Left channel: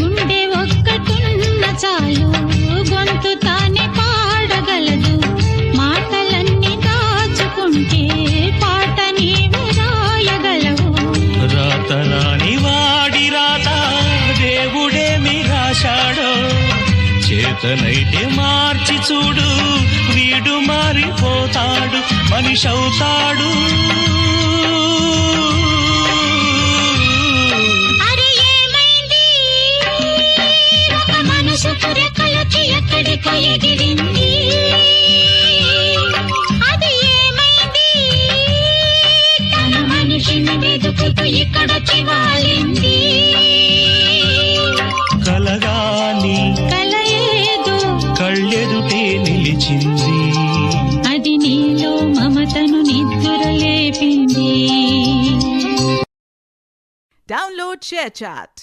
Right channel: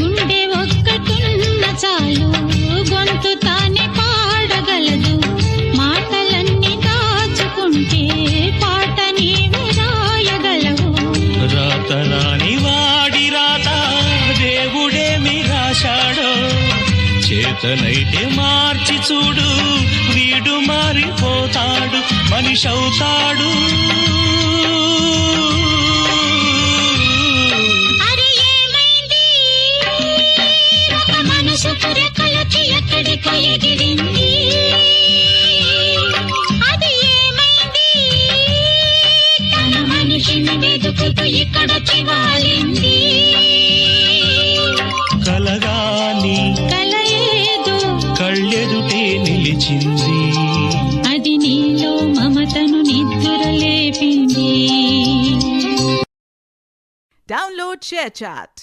గుండె ఒక్కటున్న చాలు గొంతు తానే పాడగలదు. మాటలన్నీ దాచుకుంటే పాట నీవు రాయగలవు. రాతరాని వాడి రాత దేవుడేమి రాశాడో, చేతనైతే మార్చి చూడు వీడు మారిపోతాడు, మనిషవుతాడు. మనసు కొరకలకి ఎక్కడికో ఎగిరింది, అది ఏమైంది? తన మనిషిని వెతుకుతూ ఇక్కడికి వాలింది. కలగాని కలయేదో కళ్ళెదుటే నిలిచింది, అది నీలో మమతను నిద్ర లేపింది. Download ShareChat.